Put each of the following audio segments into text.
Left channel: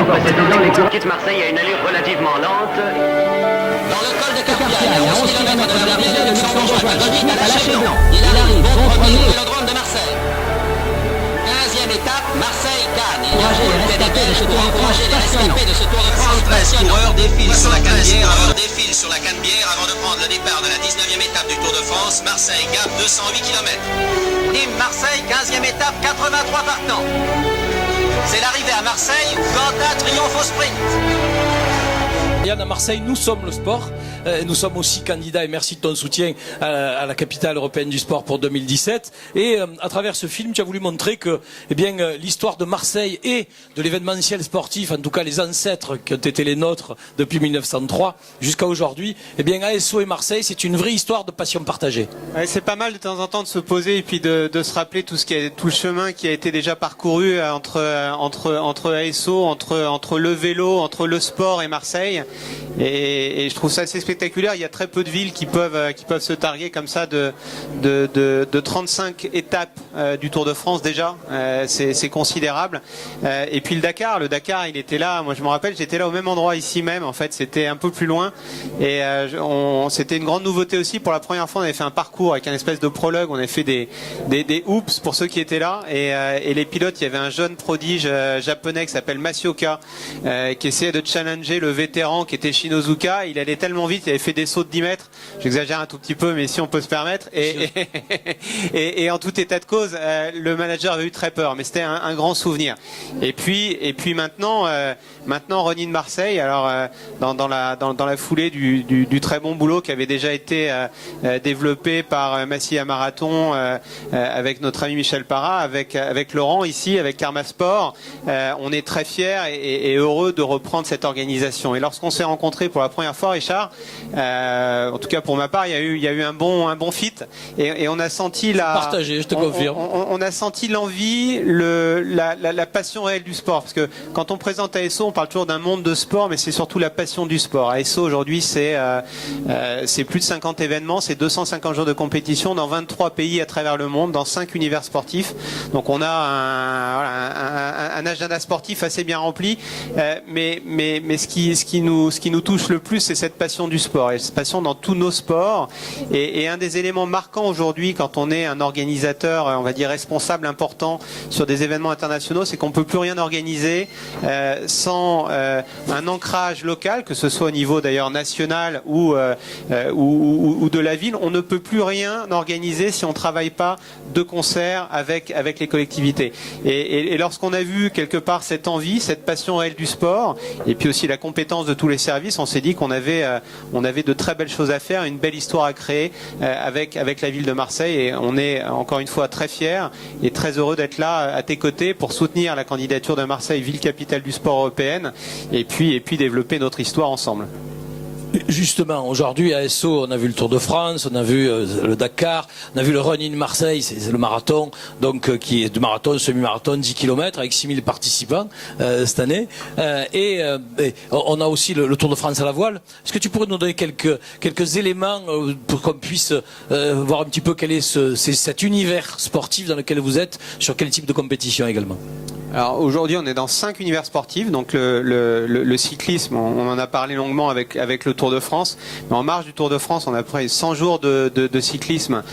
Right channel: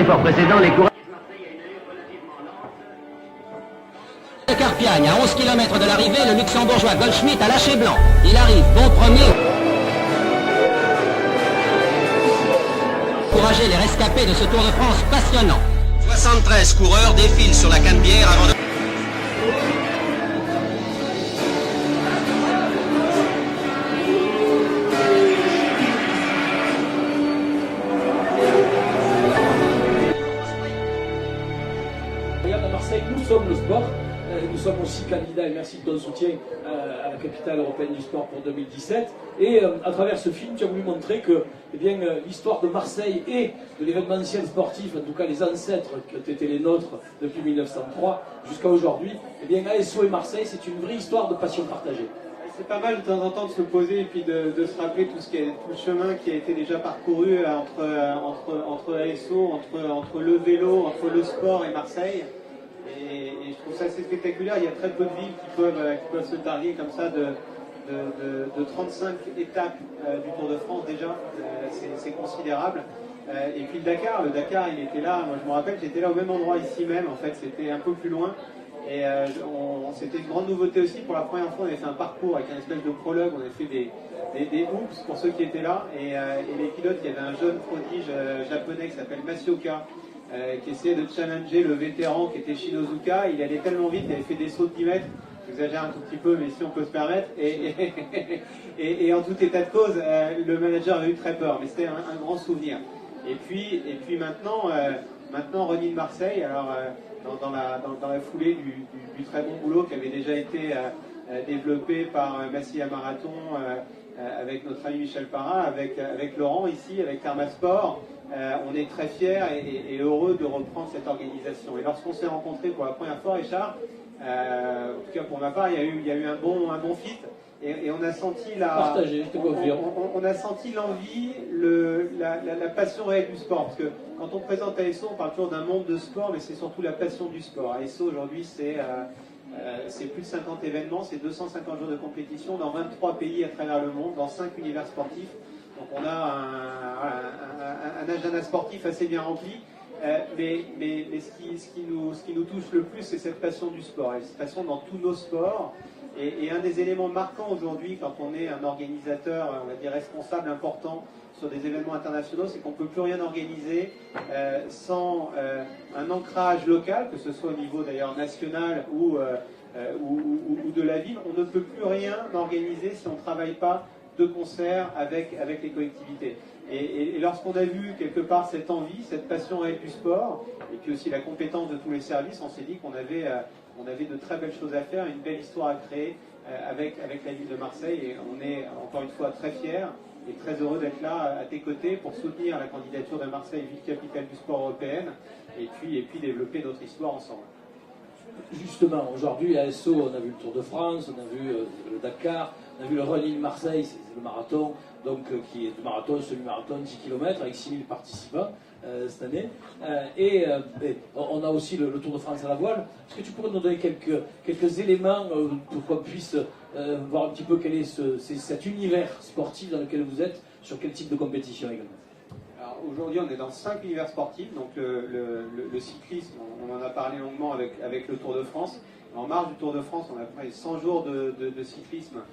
efforts précédents, les coureurs quittent Marseille à une allure relativement lente. Dans le col de Carpiagne, à 11 km de l'arrivée, le luxembourgeois Goldschmidt a lâché blanc. Il arrive, bon premier. Encourager les rescapés de ce Tour de France passionnant. 73 coureurs défilent sur la Canebière avant de prendre le départ de la 19e étape du Tour de France. Marseille, Gap, 208 km. Et Marseille, 15e étape, 83 partants. C'est l'arrivée à Marseille, Vanda triomphe au sprint. Yann, à Marseille, nous sommes le sport. Nous sommes aussi candidats, et merci de ton soutien, à la capitale européenne du sport pour 2017. Et à travers ce film, tu as voulu montrer que l'histoire de Marseille et de l'événementiel sportif, en tout cas les ancêtres qui ont été les nôtres depuis 1903 jusqu'à aujourd'hui, ASO et Marseille, c'est une vraie histoire de passion partagée. Ouais, c'est pas mal de temps en temps de se poser et puis de se rappeler tout le chemin qui a été déjà parcouru entre ASO, entre le vélo, entre le sport et Marseille. Et je trouve ça assez spectaculaire. Il y a très peu de villes qui peuvent se targuer comme ça de 35 étapes du Tour de France déjà. C'est considérable. Et puis le Dakar, il était là. Moi je me rappelle, j'étais là au même endroit ici même. En fait, c'était un peu plus loin. Et c'était une grande nouveauté aussi. Pour la première fois, on avait fait un parcours avec un espèce de prologue. On avait fait des hoops pour ceux qui étaient là. Et les pilotes, il y avait un jeune prodige japonais qui s'appelle Masioka qui essayait de challenger le vétéran qui était Shinozuka. Il allait tellement vite, il avait fait des sauts de 10 mètres. J'exagère un tout petit peu, mais si on peut se permettre. Et en tout état de cause, le manager avait eu très peur, mais c'était un grand souvenir. Et puis maintenant, Ronnie de Marseille, alors dans la foulée du très bon boulot qui avait déjà été développé par Massilia Marathon avec notre ami Michel Parra, avec Laurent ici, avec Karma Sport, on est très fiers et heureux de reprendre cette organisation. Et lorsqu'on s'est rencontrés pour la première fois, Richard, en tout cas pour ma part, il y a eu un bon fit et on a senti partagé, je te confirme. On a senti l'envie, la passion réelle du sport, parce que quand on présente ASO, on parle toujours d'un monde de sport, mais c'est surtout la passion du sport. ASO aujourd'hui, c'est plus de 50 événements, c'est 250 jours de compétition dans 23 pays à travers le monde, dans 5 univers sportifs. Donc on a un agenda sportif assez bien rempli, mais ce qui nous touche le plus, c'est cette passion du sport, et cette passion dans tous nos sports. Et un des éléments marquants aujourd'hui, quand on est un organisateur, on va dire responsable important sur des événements internationaux, c'est qu'on ne peut plus rien organiser sans un ancrage local, que ce soit au niveau d'ailleurs national ou de la ville. On ne peut plus rien organiser si on ne travaille pas de concert avec les collectivités. Et lorsqu'on a vu quelque part cette envie, cette passion réelle du sport, et puis aussi la compétence de tous les services, on s'est dit qu'on avait de très belles choses à faire, une belle histoire à créer avec la ville de Marseille. Et on est encore une fois très fiers et très heureux d'être là à tes côtés pour soutenir la candidature de Marseille, ville capitale du sport européenne, et puis développer notre histoire ensemble. Justement, aujourd'hui à ASO, on a vu le Tour de France, on a vu le Dakar, on a vu le Running Marseille, c'est le marathon, donc qui est de marathon, semi-marathon, 10 km avec 6000 participants cette année. Et on a aussi le Tour de France à la voile. Est-ce que tu pourrais nous donner quelques éléments pour qu'on puisse voir un petit peu quel est cet univers sportif dans lequel vous êtes, sur quel type de compétition également? Alors aujourd'hui, on est dans 5 univers sportifs. Donc le cyclisme, on en a parlé longuement avec le Tour de France. Mais en marge du Tour de France, on a près 100 jours de cyclisme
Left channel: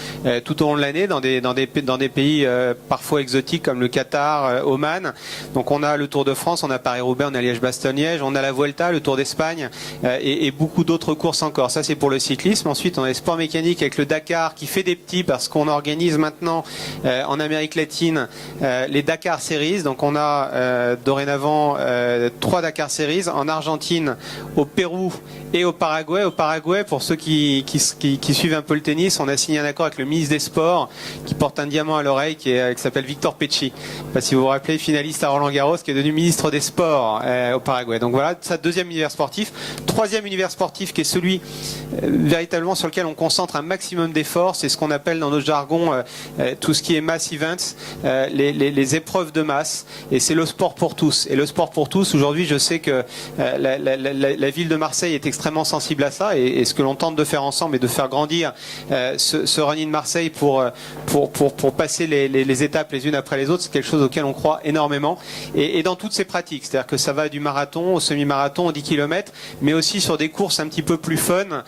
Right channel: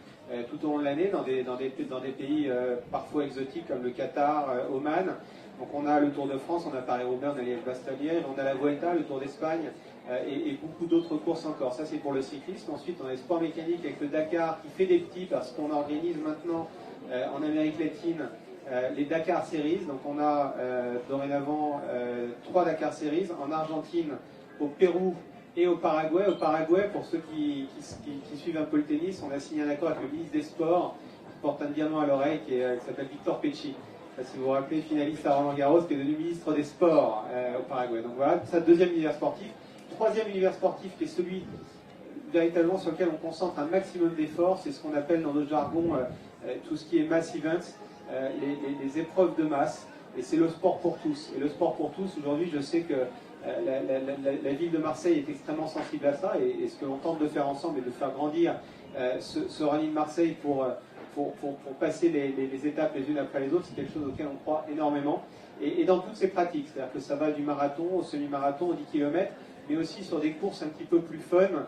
tout au long de l'année dans des pays parfois exotiques comme le Qatar, Oman. Donc on a le Tour de France, on a Paris-Roubaix, on a Liège-Bastogne-Liège, on a la Vuelta, le Tour d'Espagne et beaucoup d'autres courses encore. Ça, c'est pour le cyclisme. Ensuite, on a les sports mécaniques avec le Dakar qui fait des petits, parce qu'on organise maintenant en Amérique latine les Dakar Series. Donc on a dorénavant 3 Dakar Series en Argentine, au Pérou et au Paraguay. Au Paraguay, pour ceux qui suivent un peu le tennis, on a signé un accord avec le ministre des Sports qui porte un diamant à l'oreille qui s'appelle Victor Pecci. Je ne sais pas si vous vous rappelez, finaliste à Roland Garros, qui est devenu ministre des Sports au Paraguay. Donc voilà, ça, deuxième univers sportif. Troisième univers sportif qui est celui véritablement sur lequel on concentre un maximum d'efforts, c'est ce qu'on appelle dans notre jargon tout ce qui est mass events, les épreuves de masse. Et c'est le sport pour tous. Et le sport pour tous, aujourd'hui, je sais que la ville de Marseille est extrêmement sensible sensible à ça, et ce que l'on tente de faire ensemble et de faire grandir ce Running Marseille pour passer les étapes les unes après les autres, c'est quelque chose auquel on croit énormément, et dans toutes ces pratiques, c'est-à-dire que ça va du marathon au semi-marathon, au 10 km, mais aussi sur des courses un petit peu plus fun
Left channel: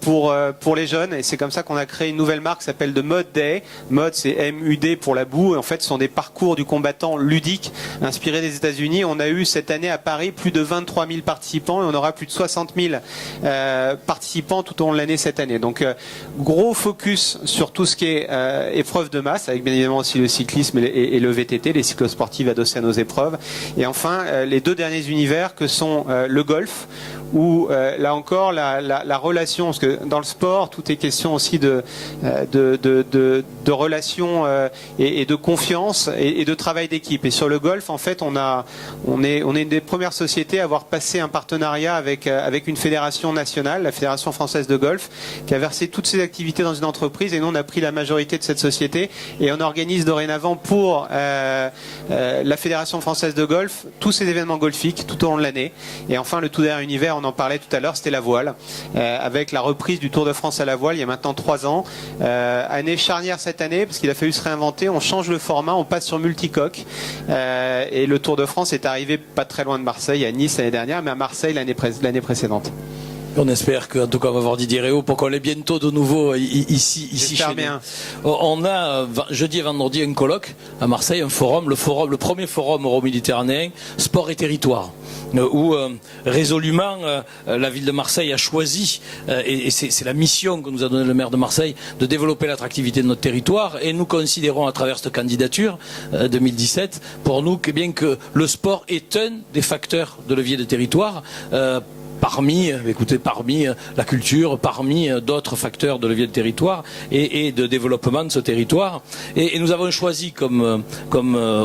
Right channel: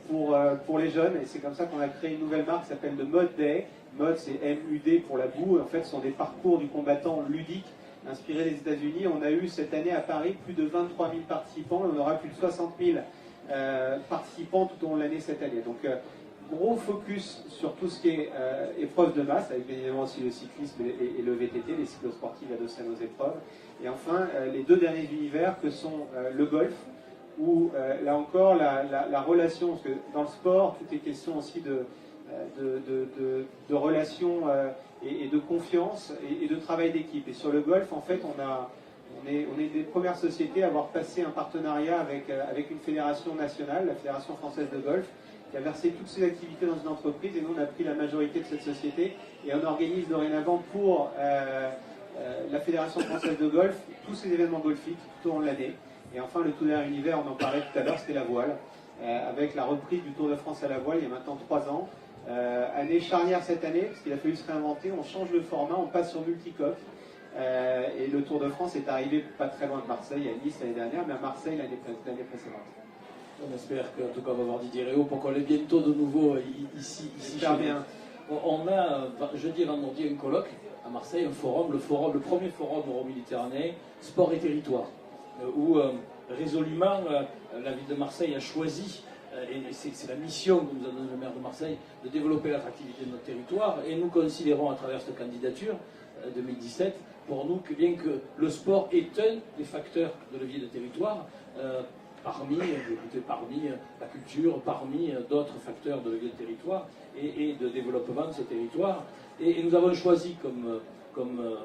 pour les jeunes, et c'est comme ça qu'on a créé une nouvelle marque qui s'appelle The Mud Day. Mud, c'est M-U-D pour la boue, et en fait ce sont des parcours du combattant ludiques inspirés des États-Unis. On a eu cette année à Paris plus de 23 000 participants, et on aura plus de 60 000 participants tout au long de l'année cette année. Donc gros focus sur tout ce qui est épreuve de masse, avec bien évidemment aussi le cyclisme et le VTT, les cyclosportives adossées à nos épreuves. Et enfin, les deux derniers univers que sont le golf, où là encore la relation, parce que dans le sport tout est question aussi de relations et de confiance et de travail d'équipe. Et sur le golf, en fait, on est une des premières sociétés à avoir passé un partenariat avec une fédération nationale, la Fédération française de golf, qui a versé toutes ses activités dans une entreprise, et nous on a pris la majorité de cette société, et on organise dorénavant pour la Fédération française de golf tous ces événements golfiques tout au long de l'année. Et enfin, le tout dernier univers, on en parlait tout à l'heure, c'était la voile, avec la reprise du Tour de France à la voile il y a maintenant 3 ans. Année charnière cette année, parce qu'il a fallu se réinventer, on change le format, on passe sur multicoque, et le Tour de France est arrivé pas très loin de Marseille, à Nice l'année dernière, mais à Marseille l'année précédente. On espère qu'en tout cas on va voir Didier Réau pour qu'on ait bientôt de nouveau ici chez nous. Bien. On a jeudi et vendredi un colloque à Marseille, un forum, le premier forum euro-méditerranéen, sport et territoire, où résolument la ville de Marseille a choisi, et c'est la mission que nous a donnée le maire de Marseille, de développer l'attractivité de notre territoire, et nous considérons à travers cette candidature 2017, pour nous, bien que le sport est un des facteurs de levier de territoire, parmi la culture, parmi d'autres facteurs de levier de territoire et de développement de ce territoire. Et nous avons choisi comme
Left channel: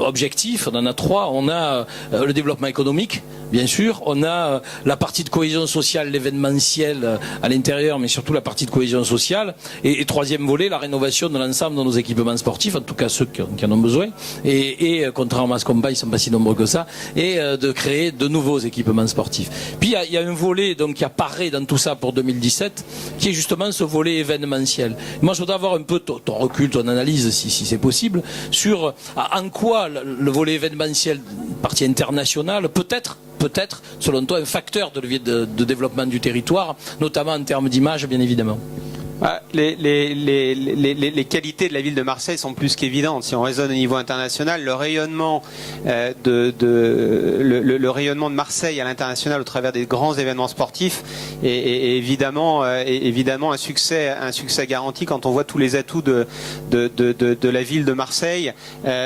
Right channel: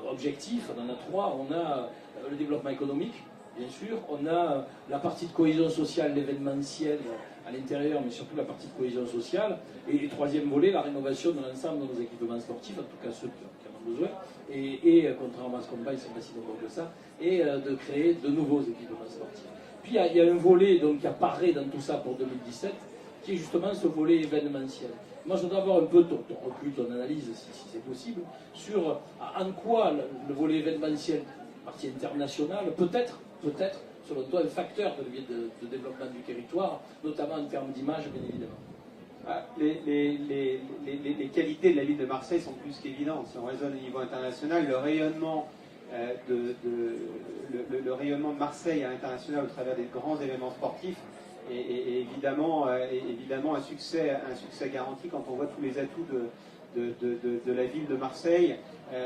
objectif, on en a 3, on a le développement économique, bien sûr, on a la partie de cohésion sociale, l'événementiel à l'intérieur, mais surtout la partie de cohésion sociale, et troisième volet, la rénovation de l'ensemble de nos équipements sportifs, en tout cas ceux qui en ont besoin, et contrairement à ce qu'on paye, ils ne sont pas si nombreux que ça, et de créer de nouveaux équipements sportifs. Puis il y a un volet donc qui apparaît dans tout ça pour 2017, qui est justement ce volet événementiel. Moi, je voudrais avoir un peu ton recul, ton analyse, si c'est possible, sur en quoi le volet événementiel, partie internationale, peut-être, selon toi, un facteur de levier de développement du territoire, notamment en termes d'image, bien évidemment. Les qualités de la ville de Marseille sont plus qu'évidentes. Si on raisonne au niveau international, le rayonnement le rayonnement de Marseille à l'international au travers des grands événements sportifs est évidemment un succès garanti. Quand on voit tous les atouts de la ville de Marseille,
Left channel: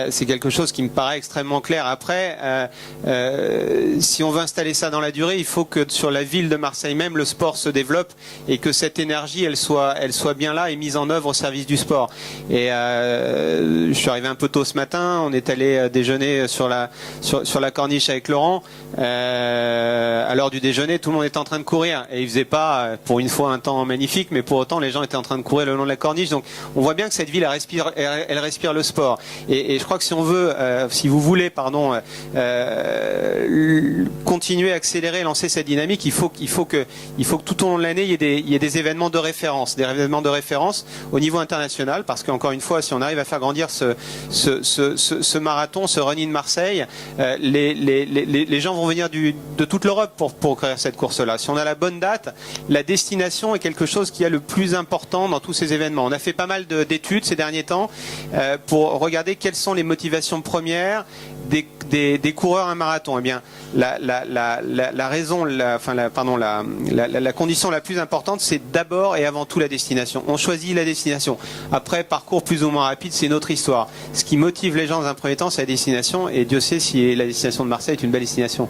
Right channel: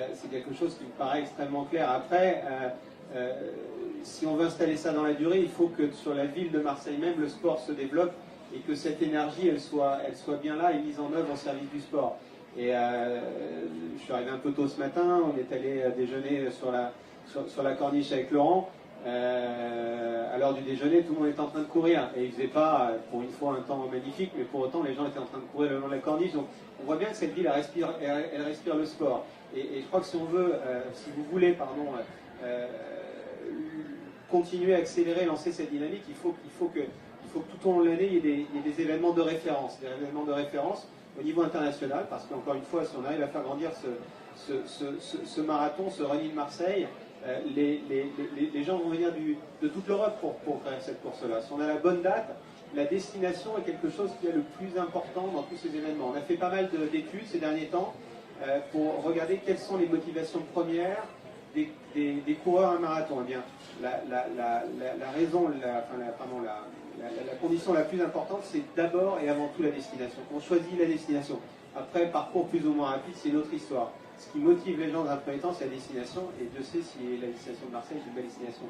c'est quelque chose qui me paraît extrêmement clair. Après, si on veut installer ça dans la durée, il faut que sur la ville de Marseille même, le sport se développe et que cette énergie, elle soit bien là et mise en œuvre au service du sport. Et je suis arrivé un peu tôt ce matin, on est allé déjeuner sur la corniche avec Laurent. À l'heure du déjeuner, tout le monde était en train de courir et il faisait pas, pour une fois, un temps magnifique, mais pour autant les gens étaient en train de courir le long de la corniche. Donc on voit bien que cette ville elle respire le sport. Et je crois que si vous voulez continuer à accélérer, lancer cette dynamique, il faut que tout au long de l'année il y ait des événements de référence, au niveau international, parce qu'encore une fois, si on arrive à faire grandir ce marathon, ce Running Marseille, les gens vont venir de toute l'Europe pour créer cette course-là. Si on a la bonne date, la destination est quelque chose qui est le plus important dans tous ces événements. On a fait pas mal d'études ces derniers temps pour regarder quelles sont les motivations premières des coureurs à un marathon. Eh bien, la condition la plus importante, c'est d'abord et avant tout la destination. On choisit la destination. Après, parcours plus ou moins rapide, c'est une autre histoire. Ce qui motive les gens dans un premier temps, c'est la destination, et Dieu sait si la destination de Marseille est une belle destination.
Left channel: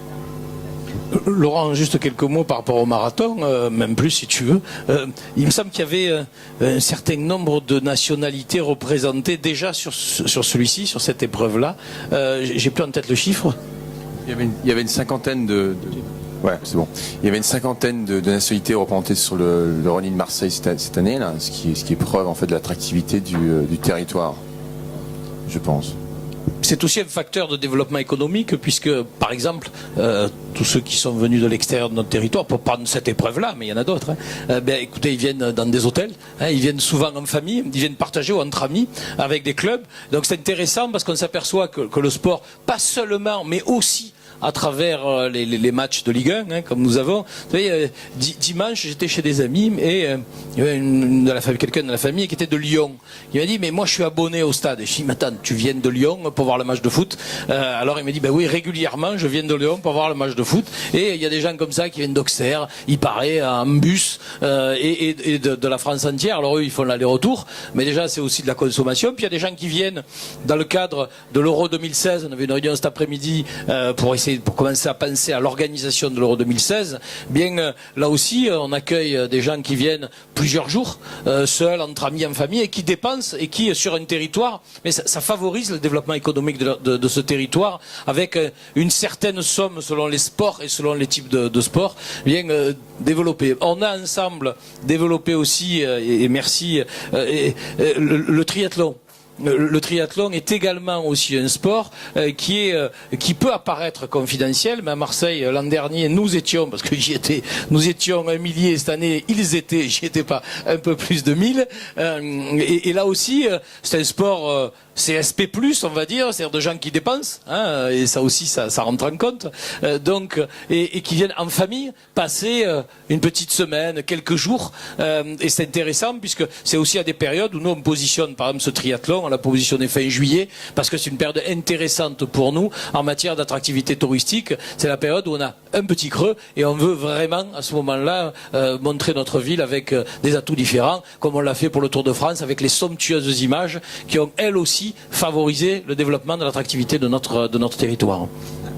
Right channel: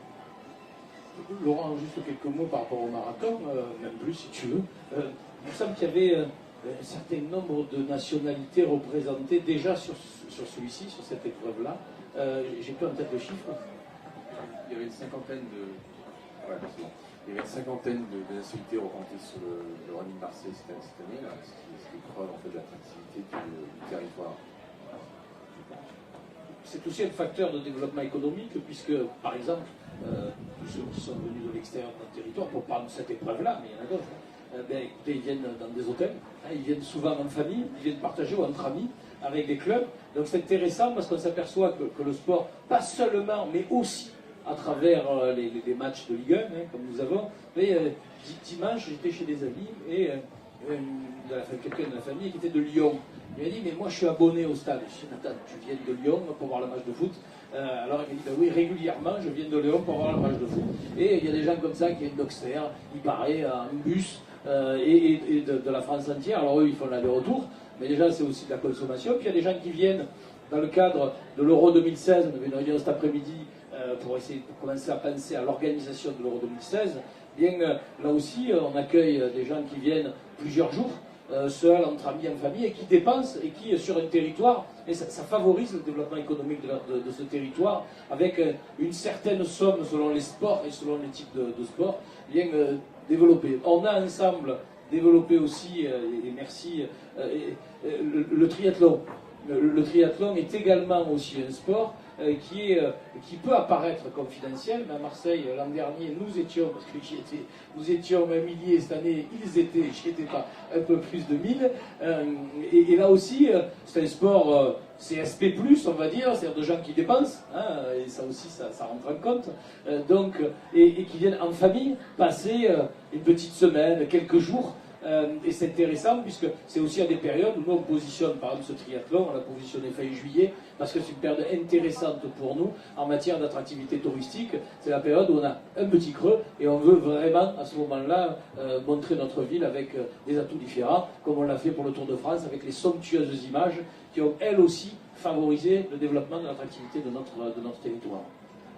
Laurent, juste quelques mots par rapport au marathon, même plus si tu veux. Il me semble qu'il y avait un certain nombre de nationalités représentées déjà sur celui-ci, sur cette épreuve-là. J'ai plus en tête le chiffre. Il y avait une cinquantaine Ouais, c'est bon. Il y avait une cinquantaine de nationalités représentées sur le Running Marseille cette année, là, ce qui est preuve en fait de l'attractivité du territoire, je pense. c'est aussi un facteur de développement économique puisque, par exemple, tous ceux qui sont venus de l'extérieur de notre territoire, pour prendre cette épreuve-là, mais il y en a d'autres, écoutez, ils viennent dans des hôtels, ils viennent souvent en famille, ils viennent partager ou entre amis avec des clubs. Donc c'est intéressant parce qu'on s'aperçoit que le sport, pas seulement, mais aussi à travers les matchs de Ligue 1, comme nous avons. Vous savez, dimanche, j'étais chez des amis et il y avait quelqu'un de la famille qui était de Lyon. Il m'a dit, mais moi je suis abonné au stade. Et je dis, mais attends, tu viens de Lyon pour voir le match de foot? Alors il m'a dit, ben oui, régulièrement, je viens de Lyon pour voir le match de foot. Et il y a des gens comme ça qui viennent d'Auxerre, il paraît, en bus, et de la France entière. Alors eux, ils font l'aller-retour, mais déjà, c'est aussi de la consommation. Puis il y a des gens qui viennent dans le cadre de l'Euro 2016. On avait une réunion cet après-midi pour commencer à penser à l'organisation de l'Euro 2016, bien là aussi on accueille des gens qui viennent plusieurs jours, seuls, entre amis, en famille, et qui dépensent, et qui sur un territoire, mais ça favorise le développement économique de ce territoire, avec une certaine somme selon les sports et selon les types de sports, bien développé. On a ensemble développé aussi, et merci, le triathlon. Le triathlon est également aussi un sport qui peut apparaître confidentiel, mais à Marseille, l'an dernier, nous étions, parce que j'y étais, nous étions 1 millier, cette année, ils étaient, j'y étais pas, un peu plus de 1000. Et là aussi, c'est un sport CSP+, on va dire, c'est-à-dire de gens qui dépensent, et ça aussi, ça rentre en compte, et qui viennent en famille passer une petite semaine, quelques jours, et c'est intéressant puisque c'est aussi à des périodes où nous on positionne, par exemple, ce triathlon, on l'a positionné fin juillet, parce que c'est une période intéressante pour nous en matière d'attractivité touristique. C'est la période où on a un petit creux et on veut vraiment, à ce moment-là, montrer notre ville avec des atouts différents, comme on l'a fait pour le Tour de France, avec les somptueuses images qui ont, elles aussi, favorisé le développement de l'attractivité de notre territoire.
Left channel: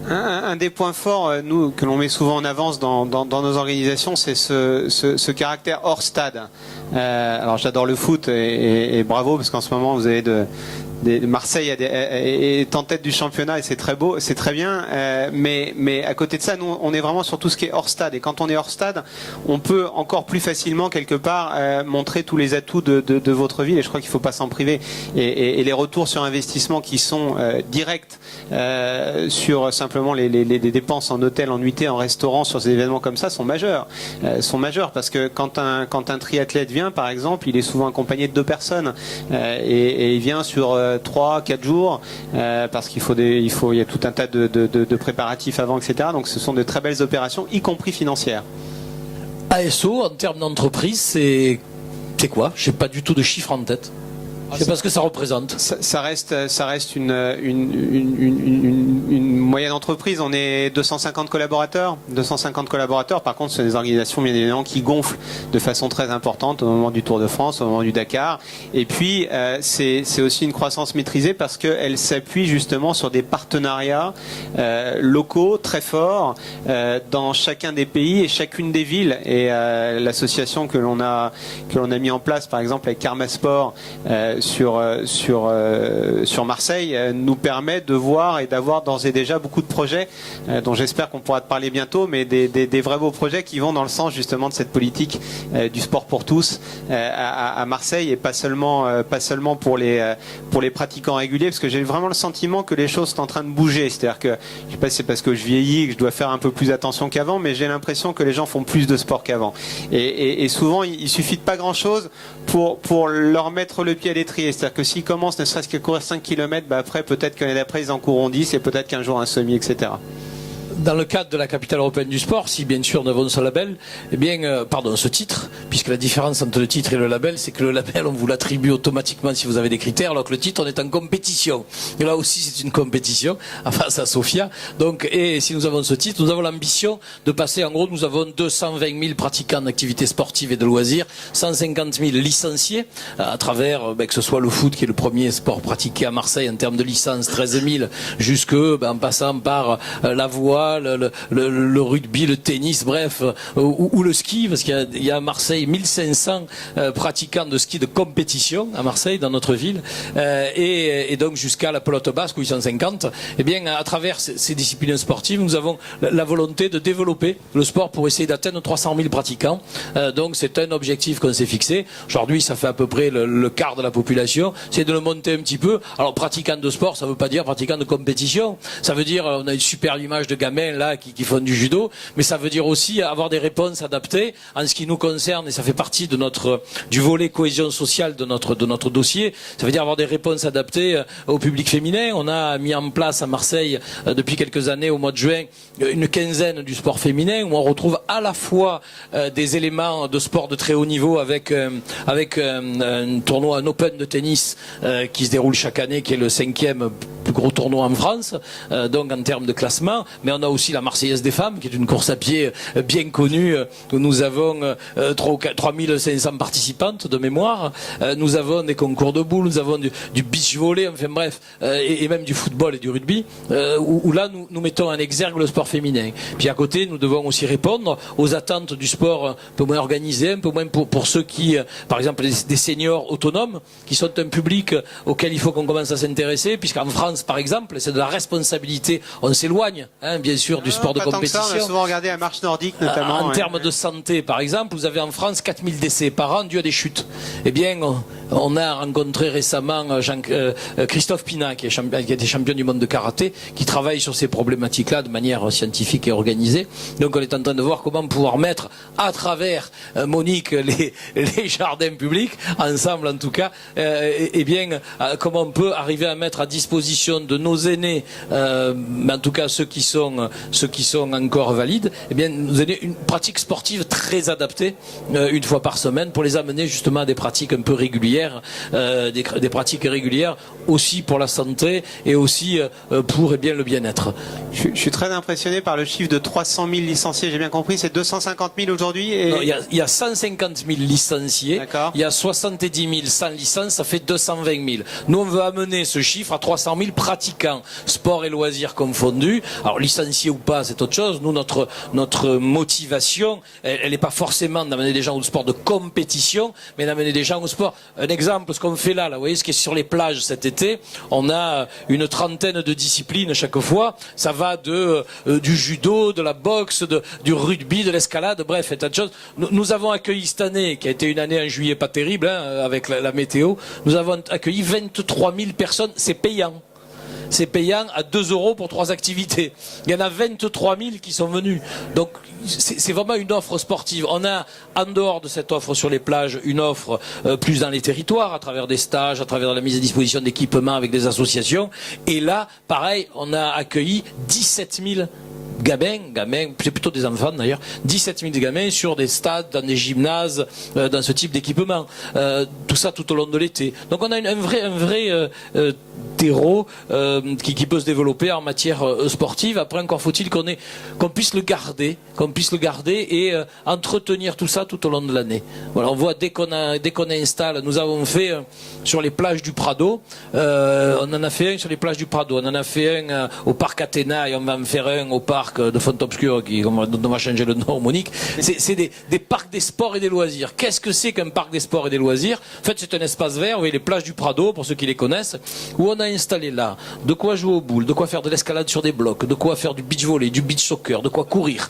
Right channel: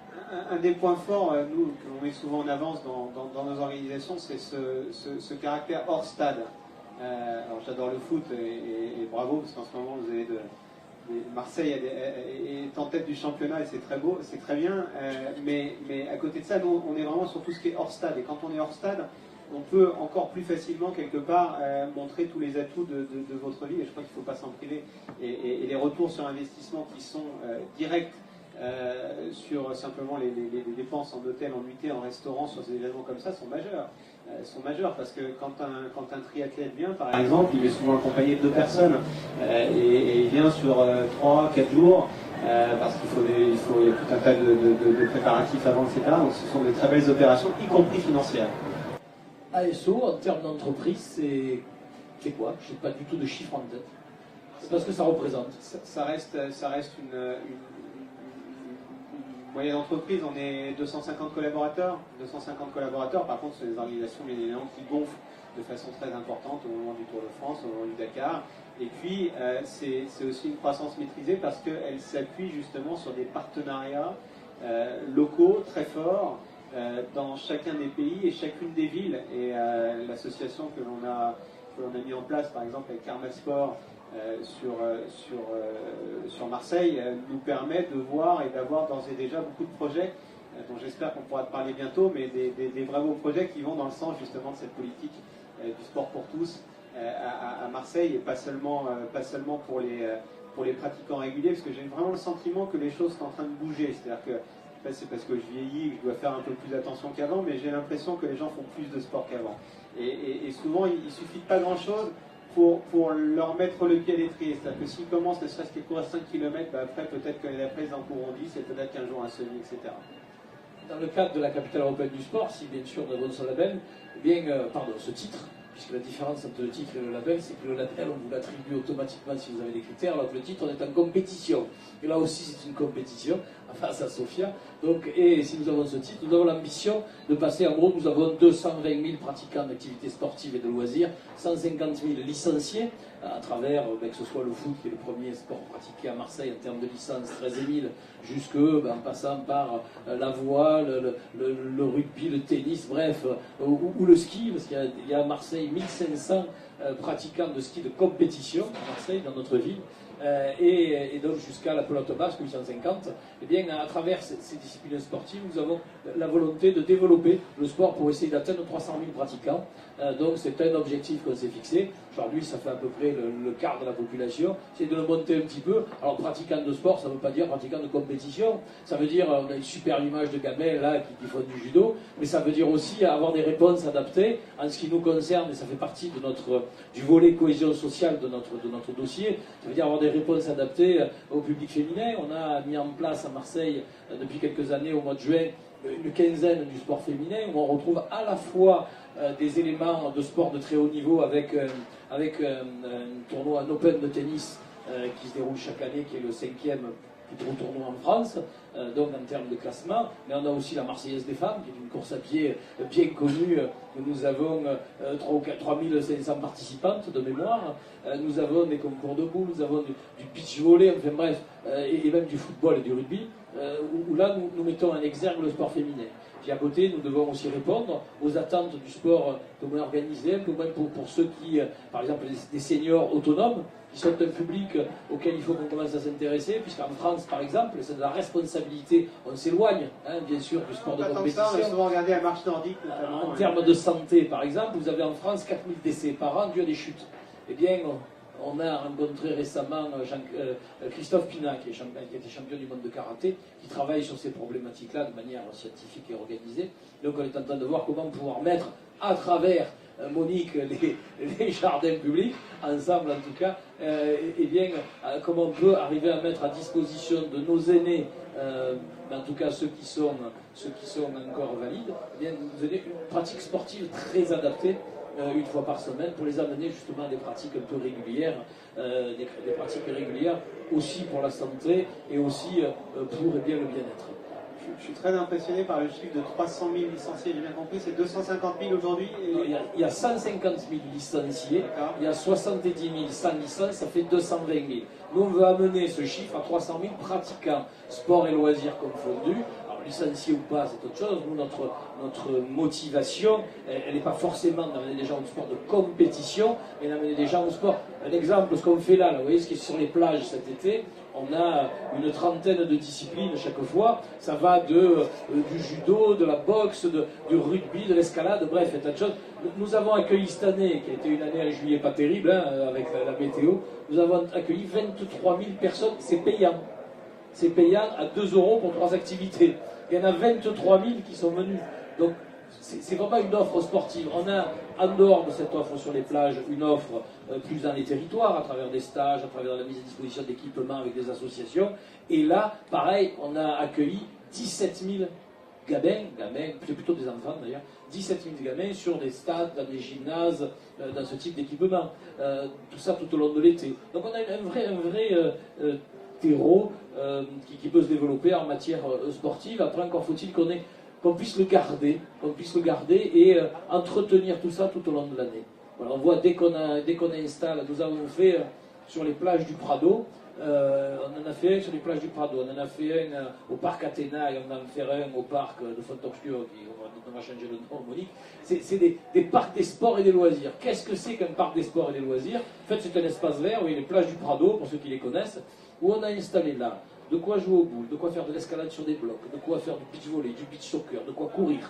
Un des points forts, nous, que l'on met souvent en avance dans nos organisations, c'est ce caractère hors stade. Alors j'adore le foot et bravo, parce qu'en ce moment vous avez Marseille est en tête du championnat et c'est très beau, c'est très bien, mais à côté de ça, nous on est vraiment sur tout ce qui est hors stade, et quand on est hors stade, on peut encore plus facilement quelque part montrer tous les atouts de votre ville, et je crois qu'il ne faut pas s'en priver, et les retours sur investissement qui sont directs sur simplement les dépenses en hôtel, en nuitée, en restaurant, sur ces événements comme ça sont majeurs, parce que quand un triathlète vient, par exemple, il est souvent accompagné de 2 personnes, et il vient sur 3-4 jours, parce qu'il il y a tout un tas de préparatifs avant, etc. Donc ce sont de très belles opérations, y compris financières. ASO, en termes d'entreprise, c'est quoi? Je n'ai pas du tout de chiffre en tête. Je sais pas ce que ça représente. Ça reste une moyenne entreprise. On est 250 collaborateurs. 250 collaborateurs. Par contre, ce sont des organisations bien évidemment qui gonflent de façon très importante au moment du Tour de France, au moment du Dakar. Et puis, c'est aussi une croissance maîtrisée parce qu'elle s'appuie justement sur des partenariats locaux très forts dans chacun des pays et chacune des villes. Et l'association que l'on a mis en place, par exemple avec Karma Sport, sur Marseille, nous permet de voir et d'avoir d'ores et déjà beaucoup de projets dont j'espère qu'on pourra te parler bientôt, mais des vrais beaux projets qui vont dans le sens justement de cette politique du sport pour tous à Marseille, et pas seulement pour les pratiquants réguliers, parce que j'ai vraiment le sentiment que les choses sont en train de bouger. C'est-à-dire que, je sais pas si c'est parce que je vieillis que je dois faire un peu plus attention qu'avant, mais j'ai l'impression que les gens font plus de sport qu'avant. Et souvent, il suffit de pas grand-chose pour leur mettre le pied à l'étrier. C'est-à-dire que s'ils commencent ne serait-ce qu'à courir 5 km, après peut-être que l'année d'après ils en courront 10, et peut-être qu'un jour un semi, etc. Dans le cadre de la capitale européenne du sport, si bien sûr nous avons ce label, ce titre, puisque la différence entre le titre et le label, c'est que le label on vous l'attribue automatiquement si vous avez des critères, alors que le titre on est en compétition. Et là aussi c'est une compétition face à Sofia. Donc, et si nous avons ce titre, nous avons l'ambition de passer, en gros nous avons 220 000 pratiquants d'activités sportives et de loisirs, 150 000 licenciés à travers, que ce soit le foot qui est le premier sport pratiqué à Marseille en termes de licence, 13 000, jusque en passant par la voile, football, le rugby, le tennis, bref, ou le ski, parce qu'il y a à Marseille 1500 pratiquants de ski de compétition à Marseille, dans notre ville, et donc jusqu'à la pelote basque où ils sont 50. Eh bien, à travers ces disciplines sportives, nous avons la volonté de développer le sport pour essayer d'atteindre 300 000 pratiquants. Donc c'est un objectif qu'on s'est fixé. Aujourd'hui, ça fait à peu près le quart de la population. C'est de le monter un petit peu. Alors, pratiquant de sport, ça ne veut pas dire pratiquant de compétition. Ça veut dire, on a une super image de gamins là qui font du judo, mais ça veut dire aussi avoir des réponses adaptées en ce qui nous concerne, et ça fait partie de du volet cohésion sociale de notre dossier. Ça veut dire avoir des réponses adaptées au public féminin. On a mis en place à Marseille depuis quelques années, au mois de juin, une quinzaine du sport féminin où on retrouve à la fois des éléments de sport de très haut niveau avec un tournoi, un Open de tennis qui se déroule chaque année, qui est le 5e plus gros tournoi en France, donc en termes de classement. Mais on a aussi la Marseillaise des femmes, qui est une course à pied bien connue, où nous avons 3500 participantes de mémoire. Nous avons des concours de boules, nous avons du beach volley, enfin bref, et même du football et du rugby, où là nous mettons en exergue le sport féminin. Puis à côté, nous devons aussi répondre aux attentes du sport un peu moins organisé, un peu moins pour ceux qui, par exemple, des seniors autonomes, qui sont un public auquel il faut qu'on commence à s'intéresser, puisqu'en France, par exemple, c'est de la responsabilité. On s'éloigne, bien sûr, du sport de compétition. Ça, on a souvent regardé la marche nordique, notamment. En termes de santé, par exemple, vous avez en France 4000 décès par an dû à des chutes. Eh bien, on a rencontré récemment Christophe Pina, qui a été champion du monde de karaté, qui travaille sur ces problématiques-là de manière scientifique et organisée. Donc on est en train de voir comment pouvoir mettre à travers Monique les jardins publics, ensemble en tout cas, et bien comment on peut arriver à mettre à disposition de nos aînés, mais en tout cas ceux qui sont encore valides, eh bien nous donner une pratique sportive très adaptée une fois par semaine pour les amener justement à des pratiques un peu régulières. Des pratiques régulières aussi pour la santé et aussi pour le bien-être. Je suis très impressionné par le chiffre de 300 000 licenciés, j'ai bien compris, c'est 250 000 aujourd'hui il y a 150 000 licenciés, il y a 70 000 sans licence, ça fait 220 000. Nous on veut amener ce chiffre à 300 000 pratiquants, sport et loisirs confondus. Alors licenciés ou pas, c'est autre chose. Nous, notre motivation, elle n'est pas forcément d'amener des gens au sport de compétition, mais d'amener des gens au sport. Un exemple, ce qu'on fait là, vous voyez ce qui est sur les plages cet été, on a une trentaine de disciplines chaque fois. Ça va du judo, de la boxe, du rugby, de l'escalade, bref, un tas de choses. Nous avons accueilli cette année, qui a été une année en juillet pas terrible, avec la météo, nous avons accueilli 23 000 personnes, c'est payant. C'est payant à 2 € pour 3 activités. Il y en a 23 000 qui sont venus. Donc c'est vraiment une offre sportive. On a, en dehors de cette offre sur les plages, une offre plus dans les territoires, à travers des stages, à travers la mise à disposition d'équipements avec des associations. Et là, pareil, on a accueilli 17 000 gamins, c'est plutôt des enfants d'ailleurs, 17 000 gamins sur des stades, dans des gymnases, dans ce type d'équipement. Tout ça tout au long de l'été. Donc on a un vrai terreau qui peut se développer en matière sportive. Après, encore faut-il qu'on puisse le garder, et entretenir tout ça tout au long de l'année. Voilà, on voit dès qu'on installe, nous avons fait sur les plages du Prado, on en a fait un sur les plages du Prado, on en a fait un au parc Athéna, et on va en faire un au parc de Font-Obscur, dont on va changer le nom, Monique. C'est des parcs des sports et des loisirs. Qu'est-ce que c'est qu'un parc des sports et des loisirs? En fait, c'est un espace vert, vous voyez, les plages du Prado, pour ceux qui les connaissent, où on a installé là de quoi jouer aux boules, de quoi faire de l'escalade sur des blocs, de quoi faire du beach volley, du beach soccer, de quoi courir,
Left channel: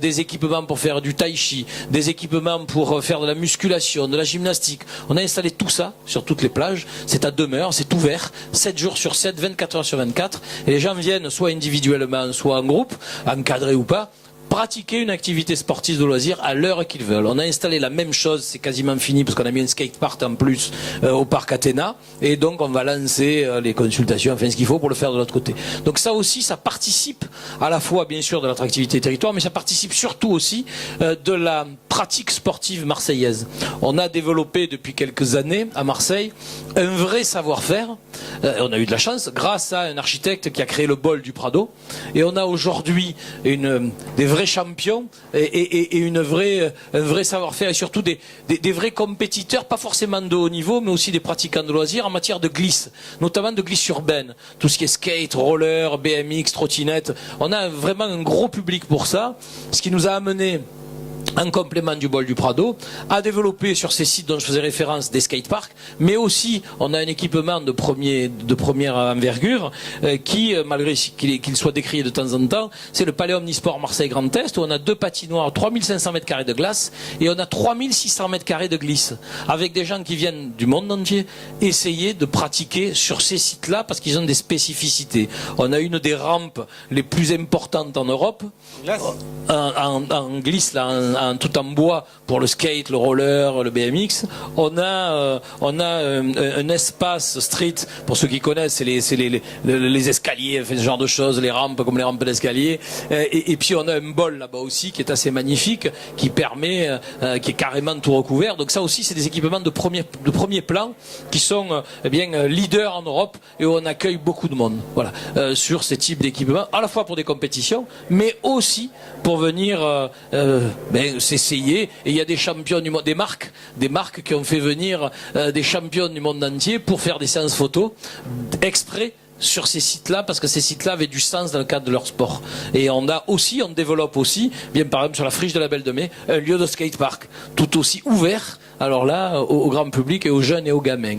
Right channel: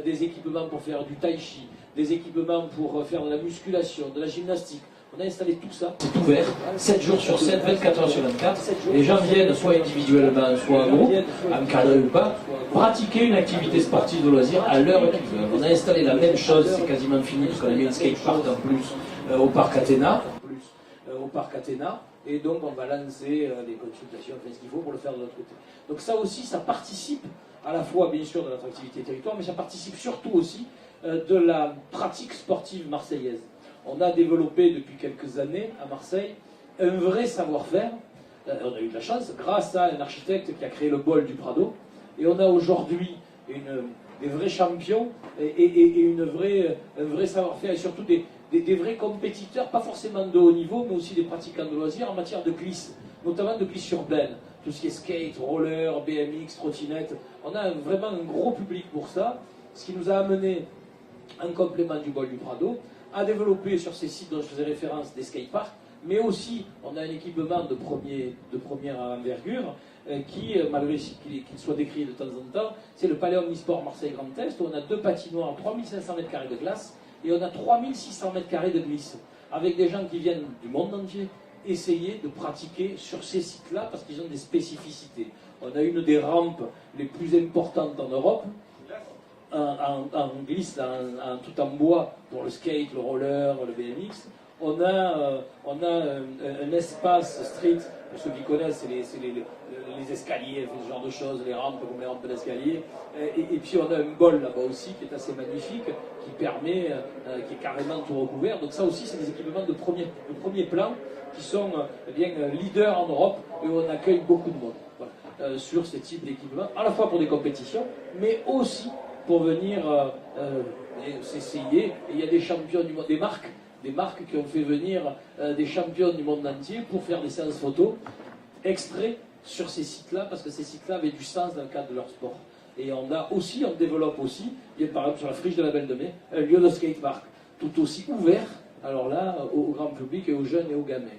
des équipements pour faire du tai chi, des équipements pour faire de la musculation, de la gymnastique. On a installé tout ça sur toutes les plages. C'est à demeure, c'est ouvert, 7 jours sur 7, 24 heures sur 24. Et les gens viennent soit individuellement, soit en groupe, encadré ou pas, pratiquer une activité sportive de loisir à l'heure qu'ils veulent. On a installé la même chose, c'est quasiment fini parce qu'on a mis un skatepark en plus au parc Athéna, et donc on va lancer les consultations, enfin ce qu'il faut pour le faire de l'autre côté. Donc ça aussi, ça participe à la fois bien sûr de l'attractivité territoire, mais ça participe surtout aussi de la pratique sportive marseillaise. On a développé depuis quelques années à Marseille un vrai savoir-faire On a eu de la chance grâce à un architecte qui a créé le bol du Prado. Et on a aujourd'hui des vrais champions et un vrai savoir-faire et surtout des vrais compétiteurs, pas forcément de haut niveau, mais aussi des pratiquants de loisirs en matière de glisse, notamment de glisse urbaine. Tout ce qui est skate, roller, BMX, trottinette. On a vraiment un gros public pour ça, ce qui nous a amené, en complément du bol du Prado, à développer sur ces sites dont je faisais référence des skateparks, mais aussi on a un équipement de première envergure qui, malgré qu'il soit décrié de temps en temps, c'est le Palais Omnisport Marseille Grand Est, où on a 2 patinoires, 3500 m² de glace et on a 3600 m² de glisse, avec des gens qui viennent du monde entier essayer de pratiquer sur ces sites-là parce qu'ils ont des spécificités. On a une des rampes les plus importantes en Europe, en glisse, là, tout en bois pour le skate, le roller, le BMX. On a un espace street, pour ceux qui connaissent, c'est les escaliers, ce genre de choses, les rampes comme les rampes d'escalier. Et puis on a un bol là-bas aussi qui est assez magnifique, qui permet, qui est carrément tout recouvert. Donc ça aussi, c'est des équipements de premier plan qui sont leaders en Europe et où on accueille beaucoup de monde. Voilà, sur ces types d'équipements, à la fois pour des compétitions, mais aussi pour venir s'essayer. Et il y a des champions du monde, des marques qui ont fait venir des champions du monde entier pour faire des séances photos exprès sur ces sites-là, parce que ces sites-là avaient du sens dans le cadre de leur sport. Et on développe aussi, bien par exemple sur la Friche de la Belle de Mai, un lieu de skatepark tout aussi ouvert, alors là, au grand public et aux jeunes et aux gamins.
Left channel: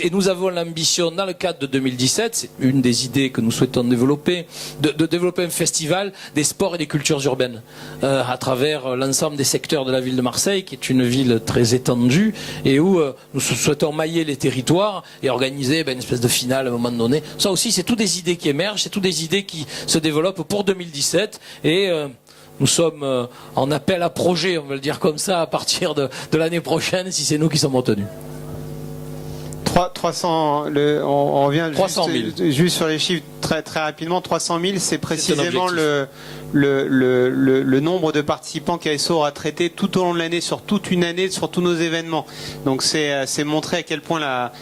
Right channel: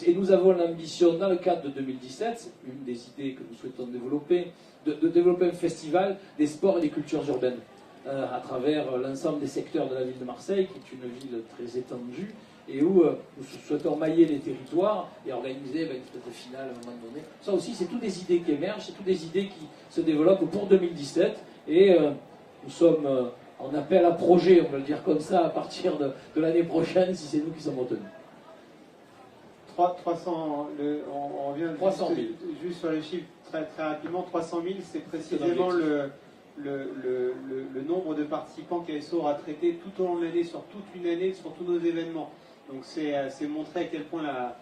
Et nous avons l'ambition, dans le cadre de 2017, c'est une des idées que nous souhaitons développer, de développer un festival des sports et des cultures urbaines à travers l'ensemble des secteurs de la ville de Marseille, qui est une ville très étendue et où nous souhaitons mailler les territoires et organiser une espèce de finale à un moment donné. Ça aussi, c'est toutes des idées qui émergent, c'est toutes des idées qui se développent pour 2017 et nous sommes en appel à projet, on va le dire comme ça, à partir de l'année prochaine, si c'est nous qui sommes retenus. 300, on revient 300 000. Juste sur les chiffres très, très rapidement. 300 000, c'est précisément le nombre de participants qu'ASO aura traité tout au long de l'année, sur toute une année, sur tous nos événements. Donc c'est montrer à quel point la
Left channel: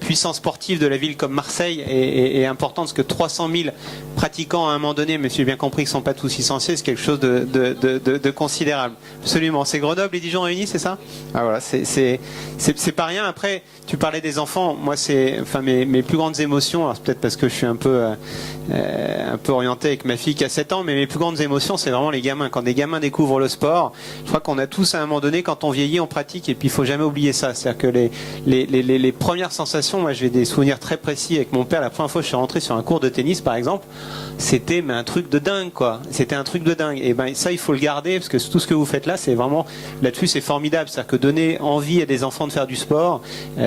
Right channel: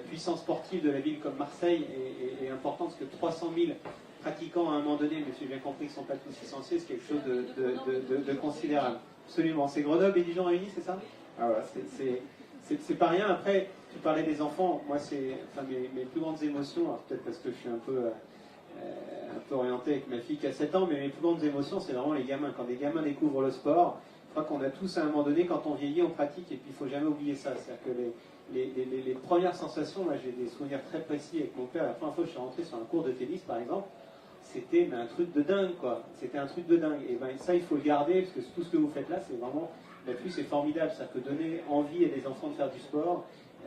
puissance sportive de la ville comme Marseille est importante, parce que 300 000 pratiquants à un moment donné, mais j'ai bien compris qu'ils ne sont pas tous licenciés, c'est quelque chose de considérable. Absolument. C'est Grenoble et Dijon réunis, c'est ça? Ah voilà, c'est pas rien. Après, tu parlais des enfants. Moi, mes plus grandes émotions, alors c'est peut-être parce que je suis un peu orienté avec ma fille qui a 7 ans, mais mes plus grandes émotions, c'est vraiment les gamins. Quand des gamins découvrent le sport, je crois qu'on a tous à un moment donné, quand on vieillit, on pratique, et puis il faut jamais oublier ça. C'est-à-dire que les premières sensations, moi j'ai des souvenirs très précis avec mon père. La première fois que je suis rentré sur un cours de tennis, par exemple, c'était un truc de dingue, quoi. C'était un truc de dingue. Et ça, il faut le garder, parce que tout ce que vous faites là, c'est vraiment, là-dessus, c'est formidable. C'est-à-dire que donner envie à des enfants de faire du sport,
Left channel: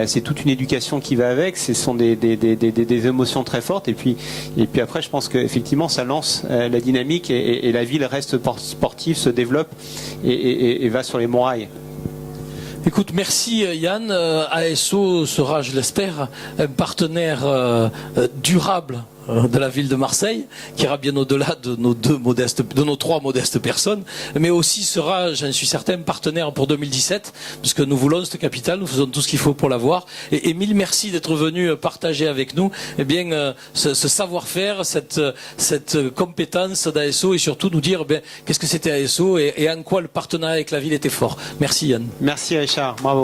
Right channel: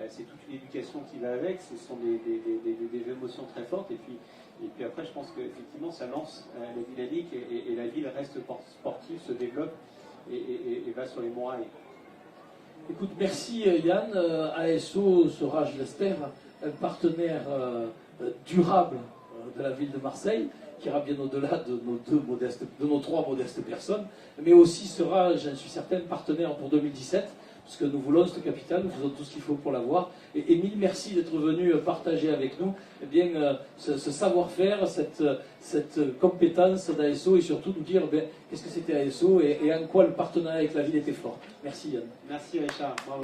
c'est toute une éducation qui va avec. Ce sont des émotions très fortes. Et puis après, je pense qu'effectivement, ça lance la dynamique et la ville reste sportive, se développe et va sur les bons rails. Écoute, merci Yann. ASO sera, je l'espère, un partenaire durable de la ville de Marseille, qui ira bien au-delà de nos 3 modestes personnes, mais aussi sera, j'en suis certain, partenaire pour 2017, puisque nous voulons cette capitale, nous faisons tout ce qu'il faut pour l'avoir. Et mille merci d'être venu partager avec nous ce savoir-faire, cette compétence d'ASO, et surtout nous dire qu'est-ce que c'était ASO et en quoi le partenariat avec la ville était fort. Merci Yann. Merci Richard, bravo.